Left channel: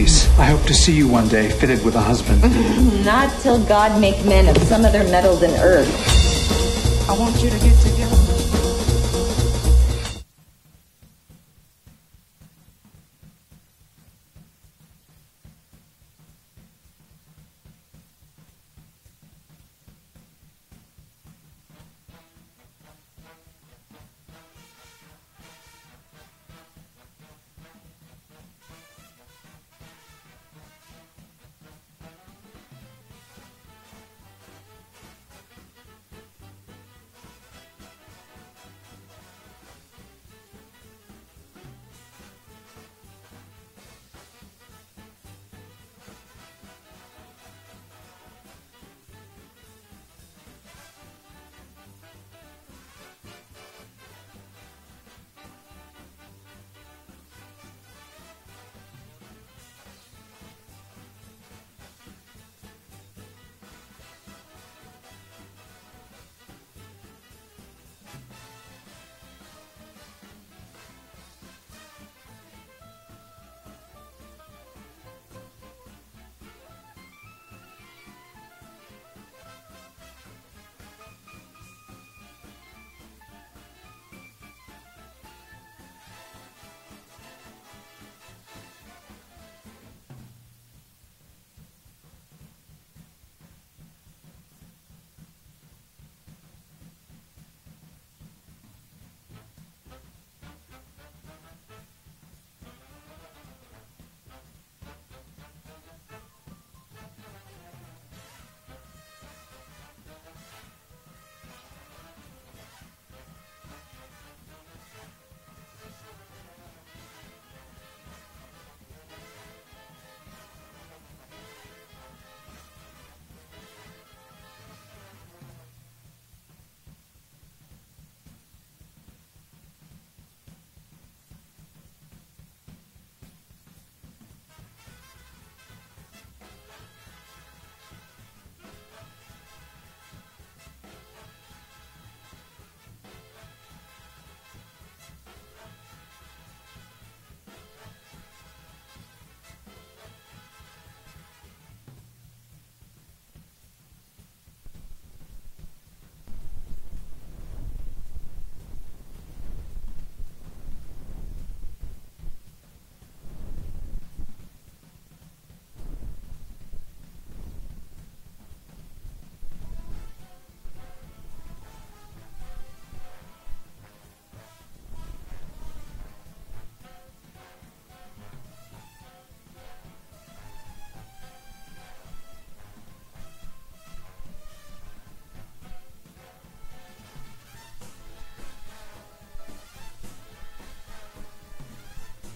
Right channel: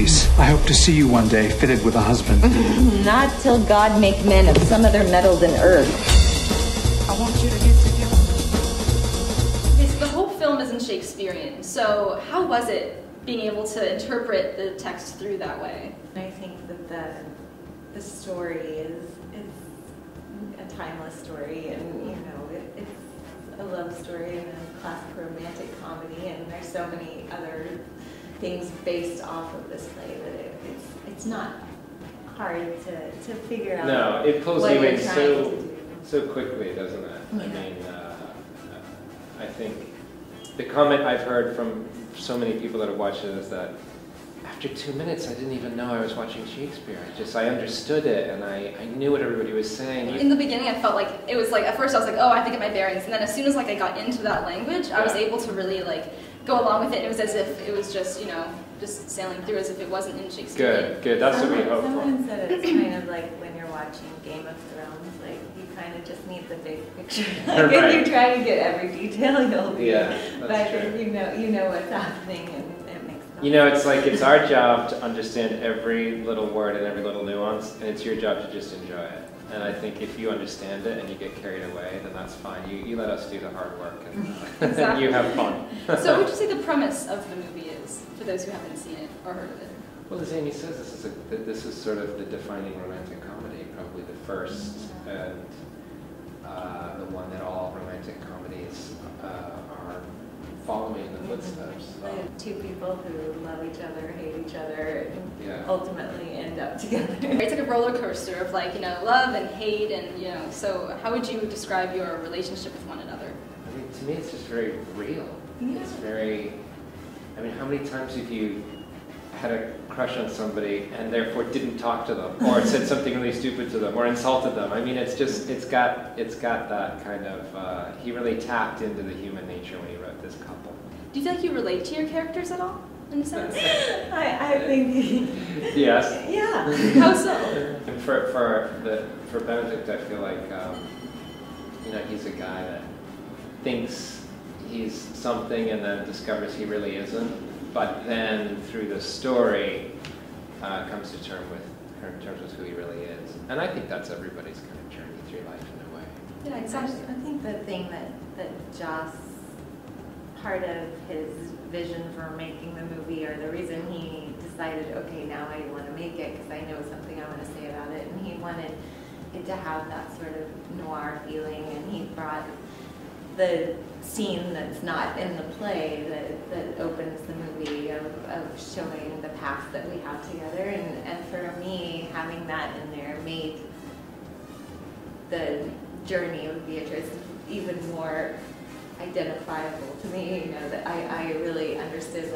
Denise. I hope to see you one day, fitted with a husband. Not till God make men of some other metal than earth. I want you to get together. The whole film isn't Shakespearean, so how was it being able to interpret the text through that way? I think that the story is a timeless story, and it's a love story and a classic romantic comedy, and there's so many other things based off of this play that it's not hard to figure out. No, it pulls what you you're in trying so to do. so quickly, doesn't it? Yeah. I mean, I think the comment I've heard from so many people that have watched it is that after 2 minutes, I didn't even know I was watching Shakespeare. I understood it, and I knew what everybody was saying. In the beginning, I felt like it was like, at first I was like, oh, I have to get my bearings, and then as soon as I got into that language, I was able to really go along with it. It was as if it was just, just sailing through as if it wasn't in Shakespeare. Good. That's what we hope for. Someone said it's kind of like when you're watching Game of Thrones, you kind of just need the big picture. If you try to get every detail, you'll be. Yeah, that's but true. you know what's happening, and it makes sense. It's our job to understand every little word and every little nuance, and it's your job to just enjoy it. And I think if you understand it and you get carried away, then that's fine. You let us do the hard work, and Exactly. you have fun. So what would you say the premise of the movie is, for those who haven't seen it or heard of it? Well, as Amy says, this is sort of the defining romantic comedy, probably the first and the one that all romantic comedies are following in the footsteps of. Two people who love each other, hate each other, and Yeah. ultimately end up together. It's like a roller coaster of love and hate, and so how would you describe your relationship with one another? I mean, to me, it's just very real. It's very. I mean, how many times have you had a crush on somebody and therefore didn't talk to them, or said something really stupid to them, or insulted them? I mean, it's got that kind of. He really tapped into the human nature when he wrote this couple. Do you feel like you relate to your characters at all, in a sense? I think. Yes. Yeah. How so? For Benedict, I feel like he's a guy that thinks he's something and then discovers he really isn't, but then through the story comes to terms with who he really is. And I think that's everybody's kind of journey through life in a way. Yeah, exactly. I think the thing that Joss, part of his vision for making the movie, or the reason he decided, okay, now I want to make it because I know something I want to say about it, and he wanted it to have that sort of noir feeling, and he brought the scene that's not in the play that opens the movie of showing the past that we have together, and for me, having that in there made the journey of Beatrice even more identifiable to me, that I really understood,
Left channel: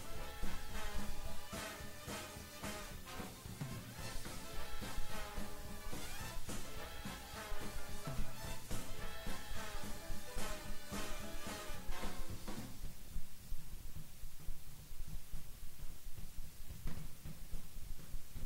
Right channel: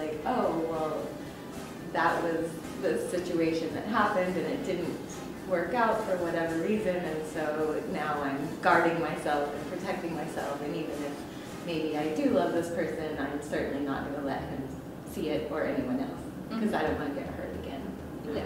that was the situation that happened and it didn't work out for whatever reason, and so now I'm guarding myself and protecting myself, and even if maybe I do love this person, I'm certainly not going to let him see it or anyone else, because I don't want to get hurt again. Yeah.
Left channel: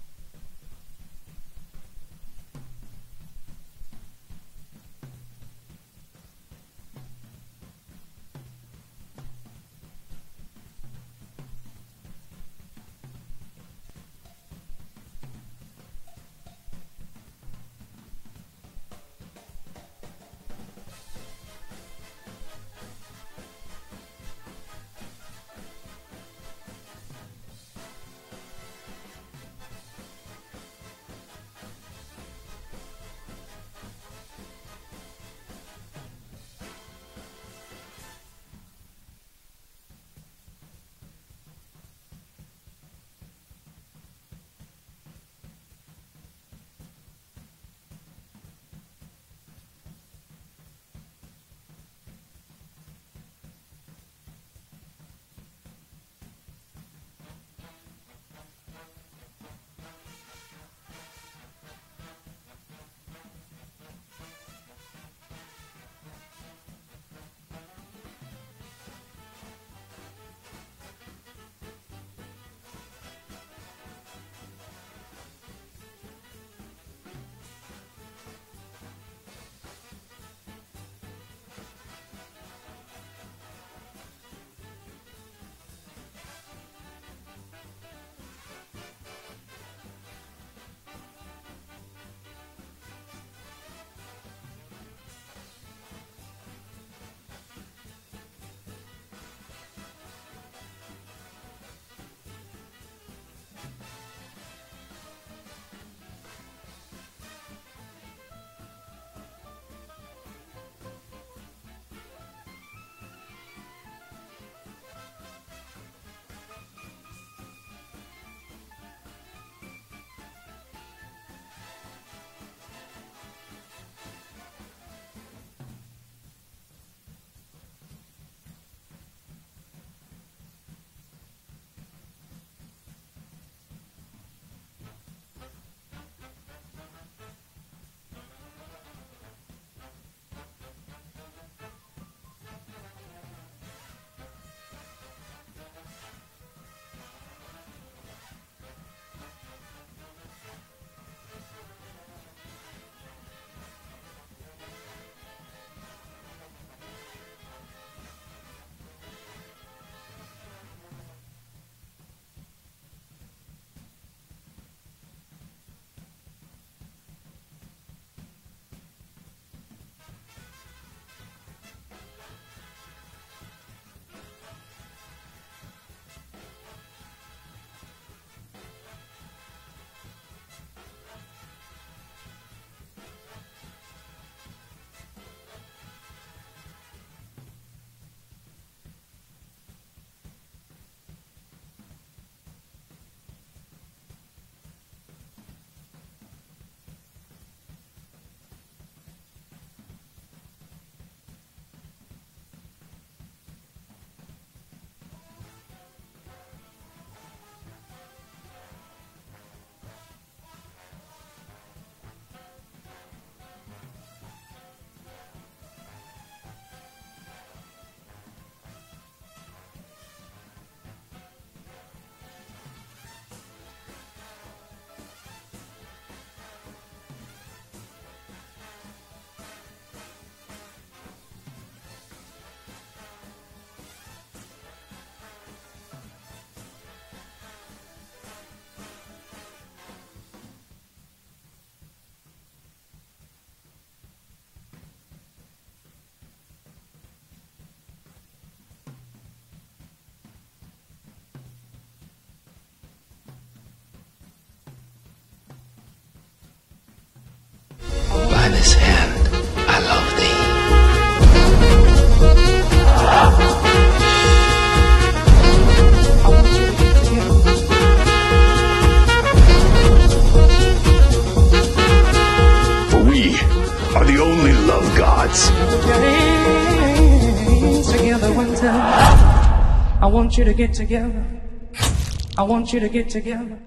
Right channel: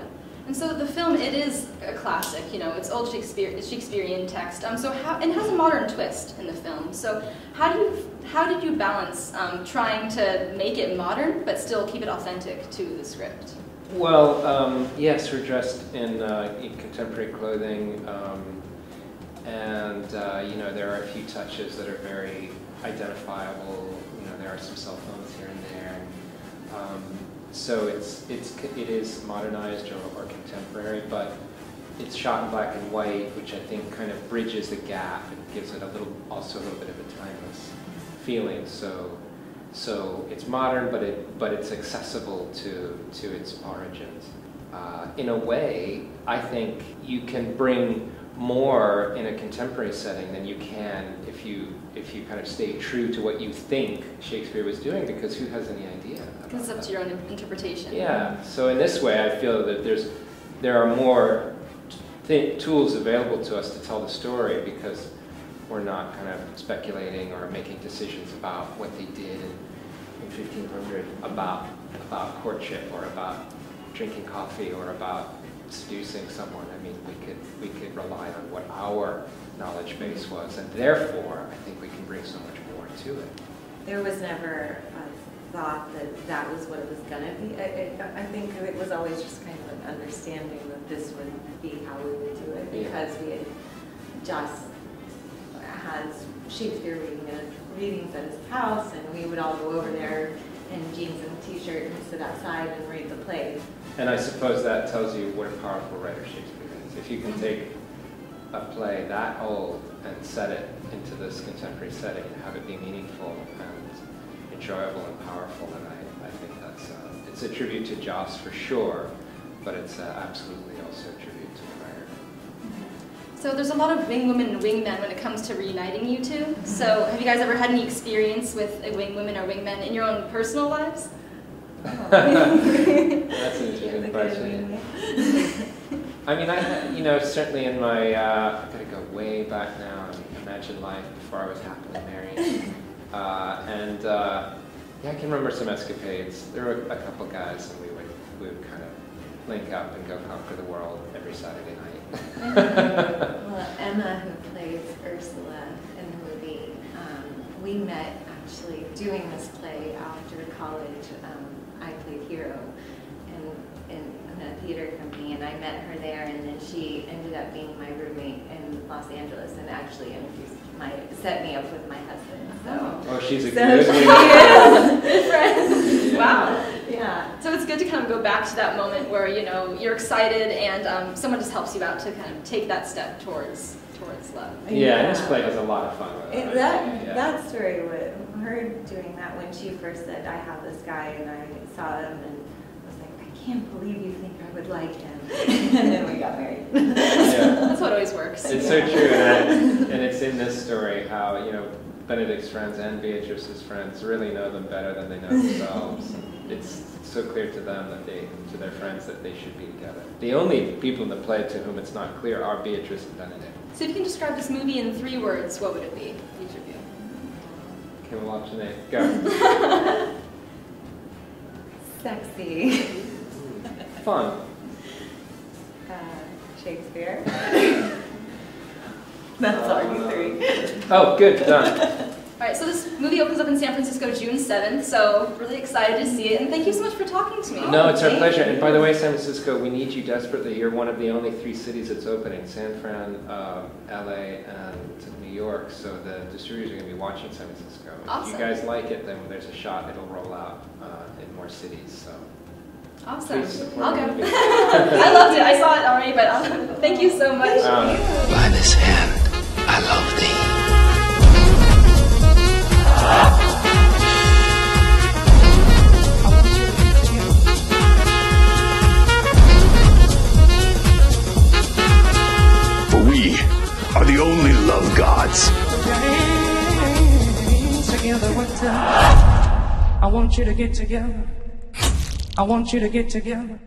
And so the film, it is a classic, it's old Shakespearean text. So it has a modern twist in the film. So how did you balance trying to make it modern but still keep it authentic to the script? Well, yes, we're dressed in contemporary clothing, and there are a few touches that are very identifiable. There are some cell phones here and there. So it is modernized or contemporary, but it's shot in black and white, which I think kind of bridges the gap and gives it also a little bit of a timeless feeling. So it's modern, but it's accessible to its origins. In a way, I think you can bring more in a contemporary setting than you can if you kind of stay true to what you think Shakespeare was doing, because who has any idea? Because it's up to your own interpretation. Yeah. So in this way, I feel that there are more tools available to us to tell the story, because we're not kind of speculating or making decisions about what they did in 1500 about courtship or about drinking coffee or about seducing someone. I mean, we could rely on what our knowledge base was, and therefore I think we can bring so much more to it. There was never thought that that was what it was going to be. I think it was always just kind of an understanding that this would be how we would do it, because we had Joss has Shakespeare readings at his house, and we would all go over there in jeans and t-shirt and sit outside and read the play. And I suppose that tells you what a powerful writer Shakespeare is. If you can take a play that old and set it into this contemporary setting and have it be meaningful and enjoyable and powerful, and I think that's it's a tribute to Joss for sure, but it's absolutely also a tribute to the writer. So there's a lot of wing women and wingmen when it comes to reuniting you two. So have you guys ever had any experience with a wing woman or wingmen in your own personal lives? That's an interesting question. I mean, certainly in my, I've got to go way back now and imagine life before I was happily married. I can remember some escapades. There were a couple guys, and we would kind of link up and go conquer the world every Saturday night. Well, Emma, who plays Ursula in the movie, we met actually doing this play after college. I played Hero in a theater company, and I met her there, and then she ended up being my roommate in Los Angeles, and actually set me up with my husband. So. Oh, she's a So good she woman. is. Friends. Wow. Yeah. So it's good to kind of go back to that moment where, you're excited and someone just helps you out to kind of take that step towards love. Yeah, and this play has a lot of fun with it. That story, her doing that when she first said, I have this guy, and I saw him and was like, I can't believe you think I would like him. And then we got married. Yeah. That's what always works. It's so true, and it's in this story how, Benedict's friends and Beatrice's friends really know them better than they know themselves. It's so clear to them to their friends that they should be together. The only people in the play to whom it's not clear are Beatrice and Benedict. So if you can describe this movie in 3 words, what would it be, each of you? Can we watch it? Go. Sexy. Fun. Shakespeare. That's already 3. Oh, good, done. All right, so this movie opens up in San Francisco June 7th, so really excited to see it, and thank you so much for talking to me. No, it's our pleasure. And by the way, San Francisco, we need you desperately. You're one of the only 3 cities that's opening, San Fran, LA, and New York, so the distributors are going to be watching San Francisco. Awesome. If you guys like it, then when there's a shot, it'll roll out in more cities. So. Awesome. Please support I'll the go. movie. I loved it. I saw it already, but thank you so much. By this hand, I love thee. We are the only love gods. Together one time. I want you to get together. I want you to get together.